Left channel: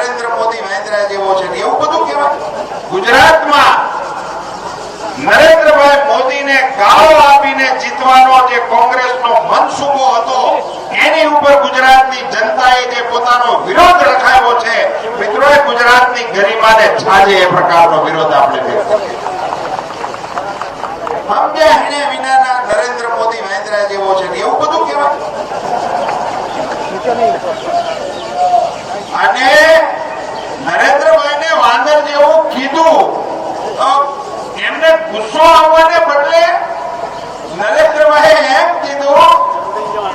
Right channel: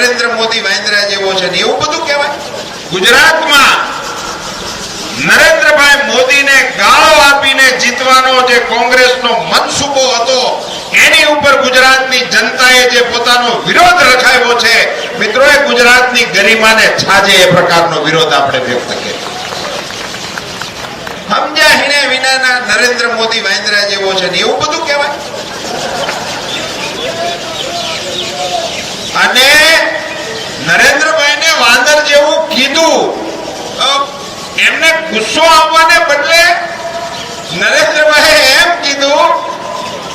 નરેન્દ્ર મોદી વાંદરા જેવો છે ને એવું બધું કહેવાય. ગુજરાતમાં નરેન્દ્રભાઈ મોદીને ગાળો આપીને જીતવાનો જે કોંગ્રેસનો મનસૂબો હતો એની ઉપર ગુજરાતની જનતાએ જે પોતાનો વિરોધ રખાયો છે મિત્રો, એ ગુજરાતની ગરિમાને છાજે એ પ્રકારનો વિરોધ આપણે વ્યક્ત કર્યો. સમજ્યા હિણે વિનાના નરેન્દ્ર મોદી વાંદરા જેવો છે ને એવું બધું કહેવાય. અને નરેન્દ્રભાઈને વાંદર જેવું કીધું, એમને ગુસ્સો આવવાને બદલે નરેન્દ્રભાઈએ એમ કીધું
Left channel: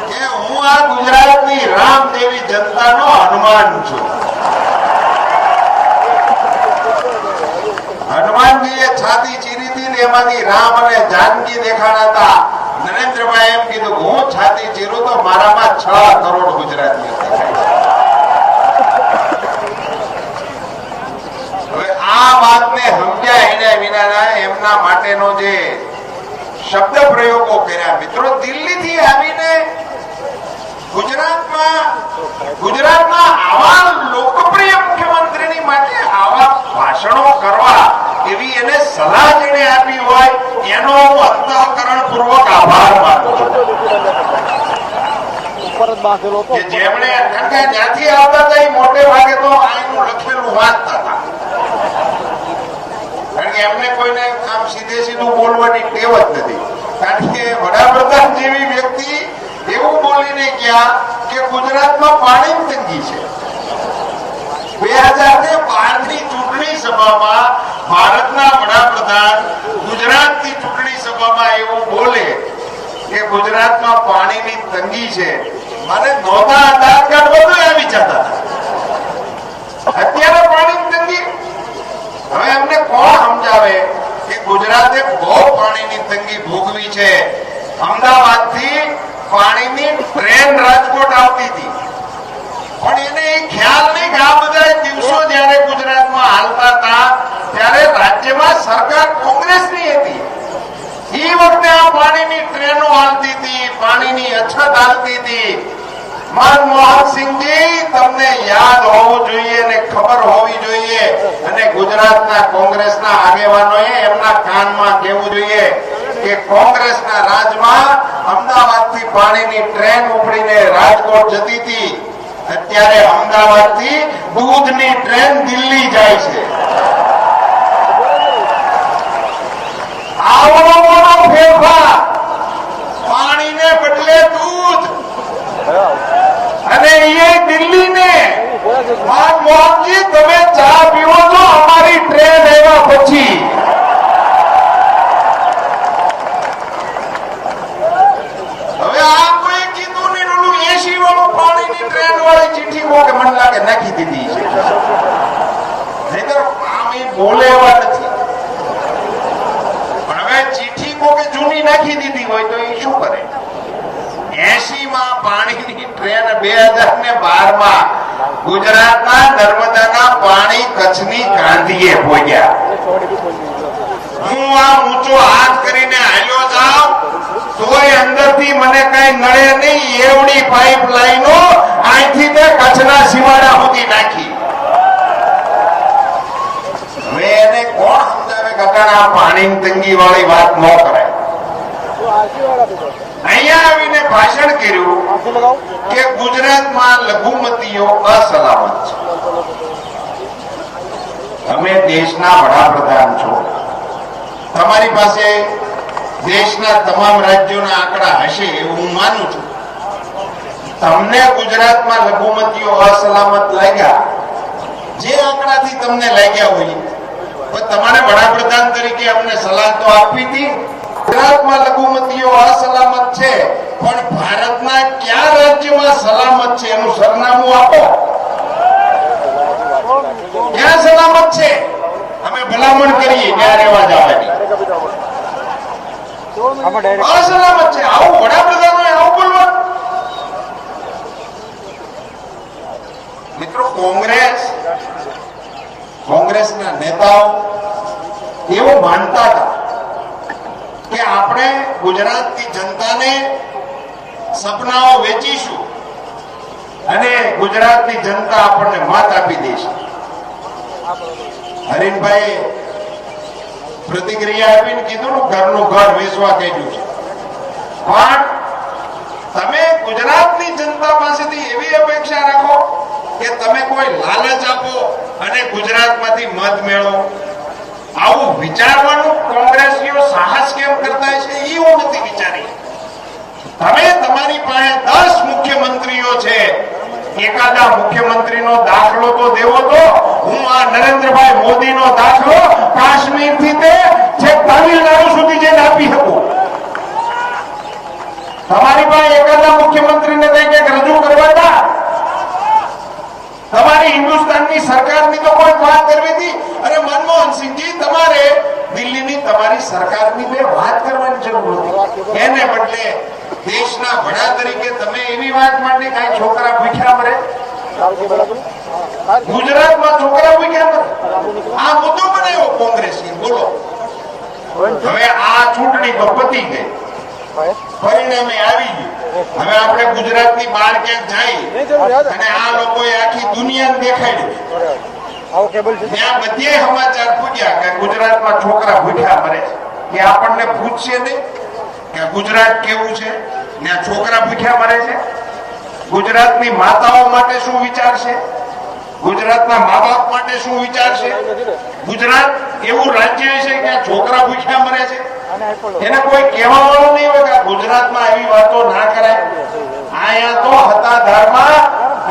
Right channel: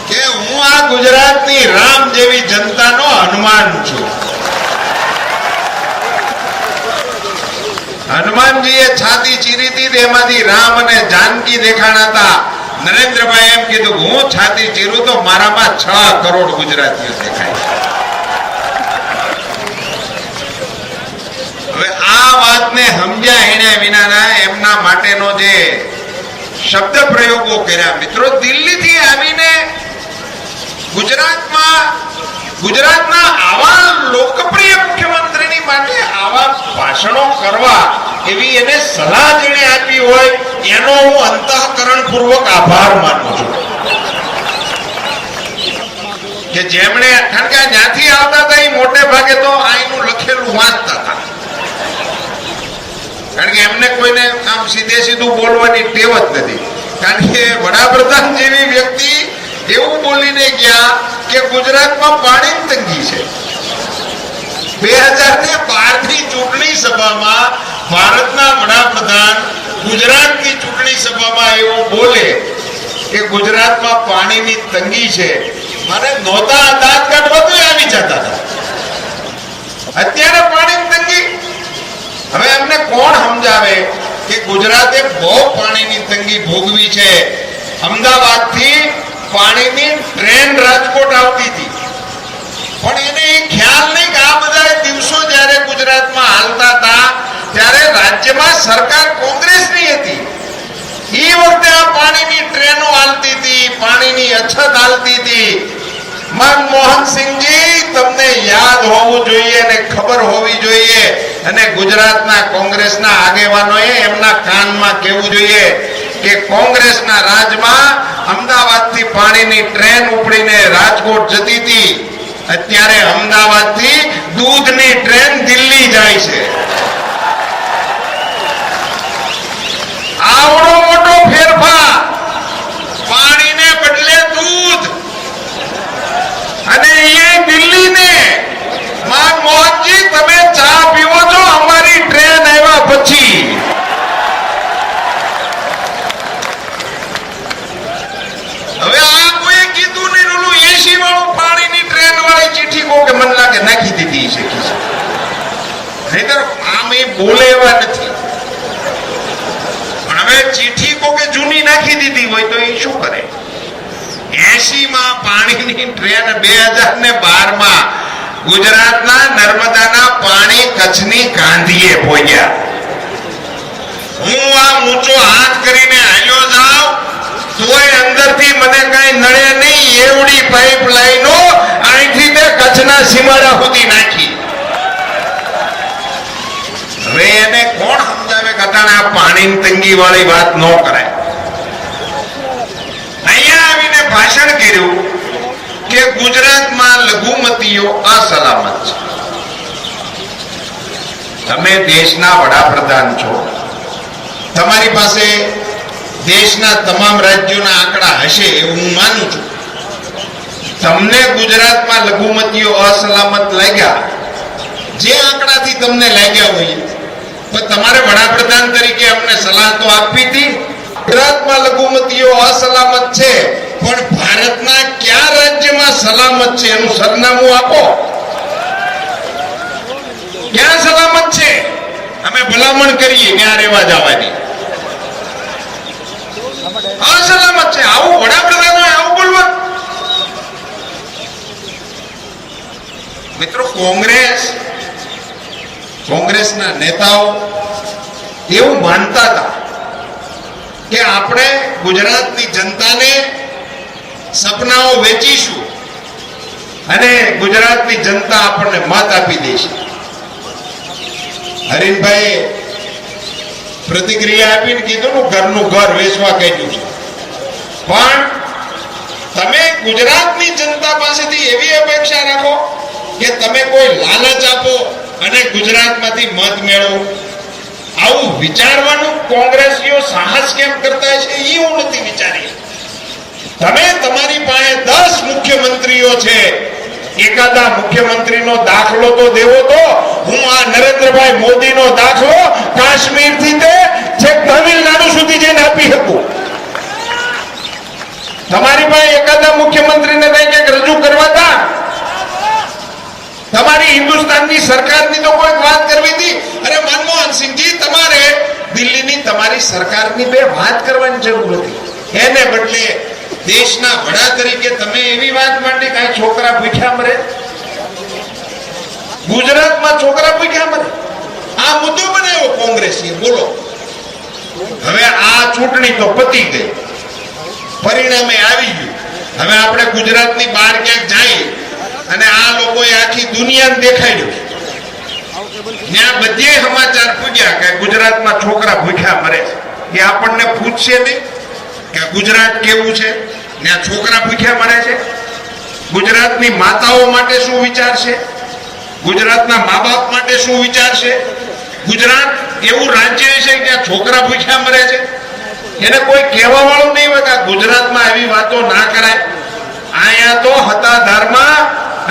કે હું આ ગુજરાતની રામ જેવી જનતાનો હનુમાન છું. હનુમાનજીએ છાતી ચીરી હતી, એમાંથી રામ અને જાનકી દેખાણા હતા. નરેન્દ્રભાઈ એમ કીધું હું છાતી ચીરું તો મારામાં 6 કરોડ ગુજરાતીઓ દેખાય. હવે આ વાતને સમજ્યા હિણે વિનાના એમના માટેનો જે શબ્દ પ્રયોગો કર્યા મિત્રો, દિલ્હીથી આવીને ગુજરાતના આવા લોકપ્રિય મુખ્યમંત્રીની માટે આવા ભાષણો કરવા એવી એને સલાહ જેણે આપી હોય એનો હું અંતઃકરણપૂર્વક આભાર માનું છું. કે જેમણે, કારણ કે જ્યાંથી આવતા હતા એ મોટે ભાગે તો આનું લખેલું વાંચતા હતા, કારણ કે એમને કોઈને આમ સીધે સીધું બોલવાની ટેવ જ નથી. કારણ કે વડાપ્રધાન જેવી વ્યક્તિ એવું બોલીને ગયા કે ગુજરાતમાં પાણીની તંગી છે. 2012ની ચૂંટણી સભામાં ભારતના વડાપ્રધાન ગુજરાતની ચૂંટણી સભામાં એવું બોલે કે ગુજરાતમાં પાણીની તંગી છે, મારે નહોતા દાંત કાઢવા તો આવી જતા હતા. અત્યારે પાણીની તંગી, હવે અમને કોણ સમજાવે કે ગુજરાતે બહુ પાણીની તંગી ભોગવી છે. અમદાવાદથી પાણીની ટ્રેન રાજકોટ આવતી હતી, પણ એને એ ખ્યાલ નહીં કે આ બધા દિવસો જ્યારે ગુજરાતમાં હાલતા હતા ત્યારે રાજ્યમાં સરકાર કોંગ્રેસની હતી. એ વખતે આ પાણીની ટ્રેનો હાલતી હતી, પાણીની અછત હાલતી હતી. મનમોહનસિંહજી, તમને યાદ હોવું જોઈએ અને ખબર હોવી જોઈએ, અને ગુજરાતના કોંગ્રેસના આગેવાનોએ એમના કાનમાં કહેવું જોઈએ કે કોંગ્રેસના રાજમાં અમદાવાદથી પાણીની ટ્રેન ઉપડીને રાજકોટ જતી હતી, અત્યારે અમદાવાદથી દૂધની ટ્રેન દિલ્હી જાય છે. આવડો મોટો ફેરફાર, પાણીને બદલે દૂધ, અને એ દિલ્હીને. મનમોહનજી, તમે ચા પીવો છો અમારી ટ્રેન આવ્યા પછી. હવે આ કોઈ કીધું નહીં, ઓલું 80 વાળું પાણીની ટ્રેન વાળી ચીઠી કો કે મન લાગે નાખી દીધી છે, નહીતર આમ એ બોલે એવા નથી. પણ હવે ચીઠી કો કે જૂની નાખી દીધી હોય તો એ શું કરે? 80 માં પાણીની ટ્રેન 2012માં ગુજરાતના નર્મદાના પાણી કચ્છની ગાંધીએ પહોંચ્યા. હું આ ઊંચો હાથ કરીને હાલ્યો જાઉં તોય અંદરથી મને કઈ નડે નહીં એવડી પાઇપલાઈનો અહીંથી તે કચ્છના સીમાડા સુધી નાખી. હવે એને કોણ સમજાવે કે આ પાણીની તંગી વાળી વાત ન કરાય? અહીંયા આવીને ભાષણ કર્યું કે ગુજરાતમાં લઘુમતીઓ અસલામત છે. તમે દેશના વડાપ્રધાન છો, તમારી પાસે દેશના તમામ રાજ્યોના આંકડા હશે એવું હું માનું છું. તમને ગુજરાતમાં લઘુમતીઓ અસલામત લાગ્યા, જે આંકડાથી તમને લાગ્યા હોય, પણ તમારે વડાપ્રધાન તરીકે અમને સલાહ તો આપવી હતી. ગુજરાતમાં લઘુમતીઓ અસલામત છે, પણ ભારતના કયા રાજ્યમાં સલામત છે એનું સરનામું આપો. ક્યાં સલામત છે? અમે ભલામણ કરીએ ત્યાં રહેવા જવાની. અસલામત છે, આવું વડાપ્રધાન હોય આવું બોલવા? મિત્રો, કોંગ્રેસના નેતાઓ એવું માનતા હતા કે આપણે ગુજરાતની જનતાને સપનાઓ વેચીશું અને ગુજરાતની જનતા આપણને મત આપી દેશે. હરીનભાઈ પ્રતિક્રિયા આપીને કીધું ને ઘરનું ઘર વેચવા કાઢ્યું છે. પણ તમે ગુજરાતની જનતા પાસેથી એવી અપેક્ષા રાખો કે તમે કોઈ લાલચ આપો અને ગુજરાતમાંથી મત મેળવો, આવું વિચારવાનું કોંગ્રેસીઓ સાહસ કેમ કરતા છે એ હું નથી વિચારી. તમે તમારી પાસે 10 મુખ્યમંત્રીઓ છે, એકાદા મુખ્યમંત્રીનો દાખલો તો દેવો. તો હું આ નરેન્દ્રભાઈ મોદીનો દાખલો કાશ્મીર થી તે છેક તમિલનાડુ સુધી જઈને આપી શકું. તમારી પાસે એકાદા મુખ્યમંત્રીને કંઈક રજૂ કરવા હતા? તમારી હિન્દુસ્તાનની સરકારની તો કોઈ વાત કરવી હતી. અરે મનમોહનસિંહજી, તમારે દિલ્હીની તમારી સરકારની બે વાત કરવાની જરૂર હતી. એને બદલે દેશના વડા તરીકે તમે એવી વાત માંડી કે છોકરા ભૂખ્યા મરે, ગુજરાતમાં છોકરા ભૂખ્યા મરે. આ મુદ્દો બનાવ્યો કોંગ્રેસી. બોલો, હવે આ ચૂંટણી તો પતી ગઈ, પરિણામે આવી ગયું. હવે આપણે ગુજરાતની બહાર ક્યાંક જઈએ અને આ લોકોએ આખી દુનિયાને દેખાડ્યું, ત્યાં બધે સમાચાર પૂછ્યા કે ગુજરાતમાં છોકરા ભૂખ્યા મરે છે. એ આપણને પૂછશે નહીં કે ગુજરાત કેવું છે, ત્યાં છોકરા ભૂખ્યા મરે છે? ગુજરાતની માતાઓ માટે શું વિચારશે? ગુજરાતના મા બાપ માટે શું વિચારશે? ગુજરાત એવું રાજ્ય છે કે ત્યાં છોકરા ભૂખ્યા મરે છે? એને કોઈ કહેવા વાળું નહીં હોય કે ગુજરાતમાં આવી વાતો ના કરાય. આયા તો હતાધારમાં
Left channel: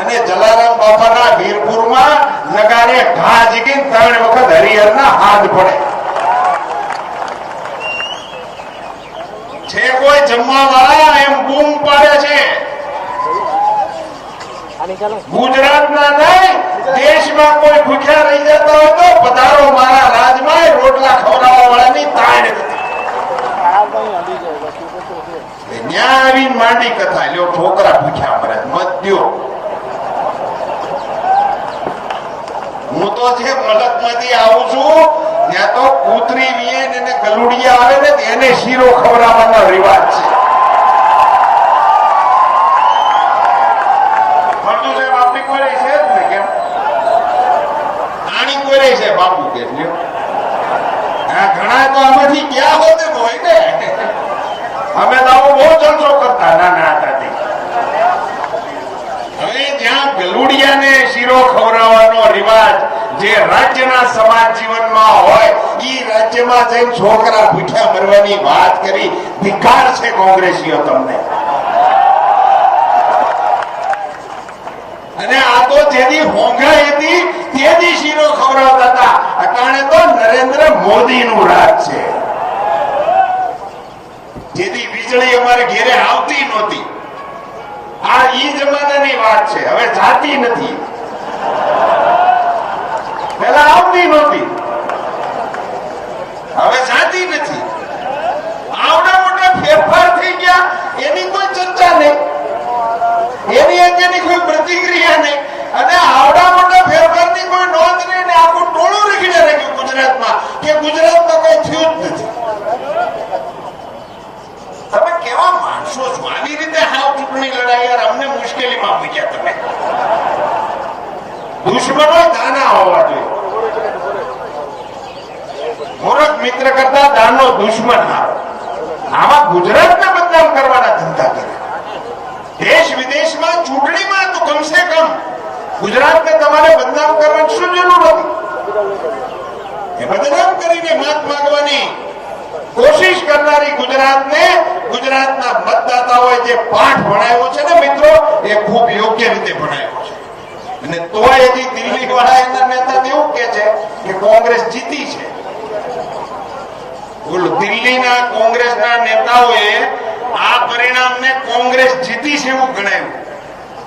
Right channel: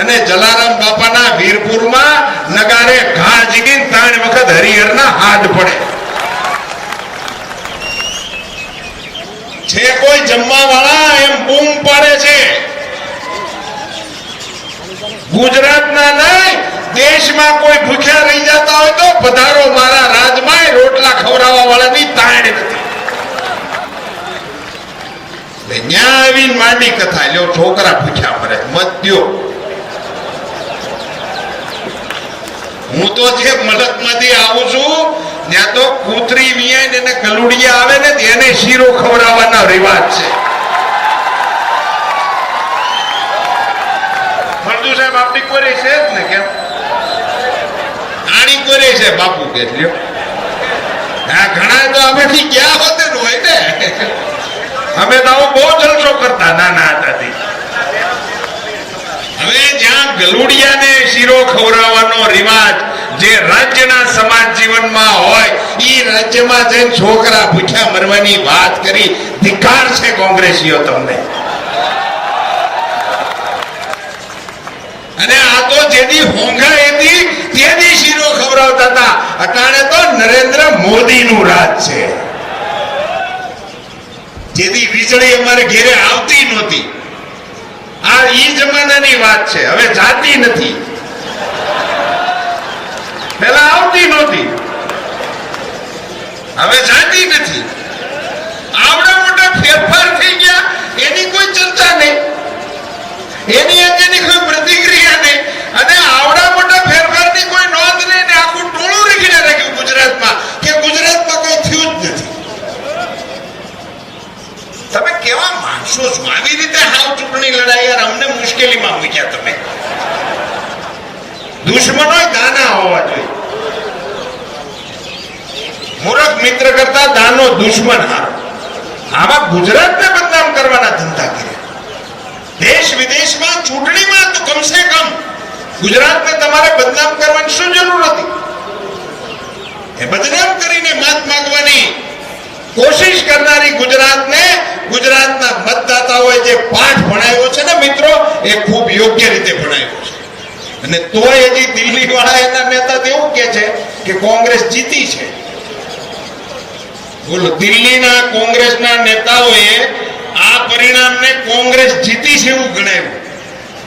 અને જલારામ બાપાના વીરપુરમાં નગારે ઘા જીગીને 3 વખત હરિહરના હાથ પડે છે. કોઈ જમવા વાળા એમ બૂમ પાડે છે. ગુજરાતના નહીં, દેશમાં કોઈ ભૂખ્યા રહી જતા હોય તો પધારો મારા રાજમાં, રોટલા ખવડાવવા વાળાની તાણ નથી. ત્યાં આવીને માંડી કથા લ્યો છોકરા ભૂખ્યા મરે, મત દ્યો. હું તો જે મલકમાંથી આવું છું ત્યાં તો કૂતરી વિયાઈને એને ગલુડિયા આવે ને એને શીરો ખવડાવવાનો રિવાજ છે. ફળદુ સાહેબ આપણી કોરે છે જ ને, કેમ આણી કોરે છે બાપુ કે લ્યો. હા, ઘણા તો અમેથી ગયા હોતે હોય ને, અમે તો બહુ જલસો કરતા નાના હતા. હવે જ્યાં ગલુડિયાને શીરો ખવડાવવાનો રિવાજ જે રાજ્યના સમાજ જીવનમાં હોય, ઈ રાજ્યમાં જઈને છોકરા ભૂખ્યા મરવાની વાત કરી. ધિક્કાર છે કોંગ્રેસીઓ તમને. અને આ તો જેદી હોંઘા હતી તેદી શીરો ખવડાવતા હતા. અટાણે તો નરેન્દ્ર મોદીનું રાજ છે. જેથી વીજળી અમારે ઘેરે આવતી નહોતી, આ ઈ જમાનાની વાત છે. હવે જાતી નથી, પેલા આવતી નહોતી, હવે જાતી નથી. આવડા મોટા ફેરફાર થઈ ગયા, એની કોઈ ચર્ચા નહીં, એની અંગેની કોઈ પ્રતિક્રિયા નહીં. અને આવડા મોટા ફેરફારની કોઈ નોંધ નહીં ને આખું ટોળું રીખીને રાખ્યું ગુજરાતમાં કે ગુજરાતમાં કોઈ થયું જ નથી. તમે કેવા માણસો છો? આવી રીતે હાવ ચૂંટણી લડાઈ, યાર અમને મુશ્કેલીમાં મૂક્યા તમે. દુશ્મનો દાના હોવા જોઈએ. મૂર્ખ મિત્ર કરતા દાનો દુશ્મન હારો. આમાં ગુજરાતને બદનામ કરવાના ધંધા કર્યા. દેશ વિદેશમાં ચૂંટણીમાં તો કમસે કમ ગુજરાતને તમારે બદનામ કરવાની શું જરૂર હતી? એ બદનામ કરીને મત માંગવાની કોશિશ કરનારી ગુજરાતને ગુજરાતના મતદાતાઓએ જે પાઠ ભણાવ્યો છે ને મિત્રો, એ ખૂબ યોગ્ય રીતે ભણાવ્યો છે. અને તોય હજી દિલ્હી વાળા એના નેતા એવું કે છે કે કોંગ્રેસ જીતી છે. બોલો, દિલ્હીના કોંગ્રેસના નેતાઓએ આ પરિણામને કોંગ્રેસ જીતી છે એવું ગણાવ્યું.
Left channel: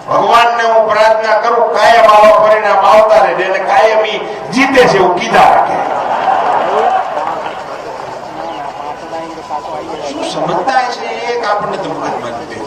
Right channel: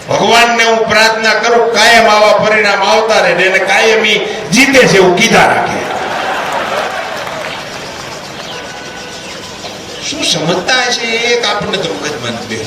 ભગવાનને હું પ્રાર્થના કરું કાયમ આવા પરિણામ આવતા રહે અને કાયમી જીતે છે એવું કીધા રાખે. શું સમજતા છે એક આપણને તો મગજમાં નથી.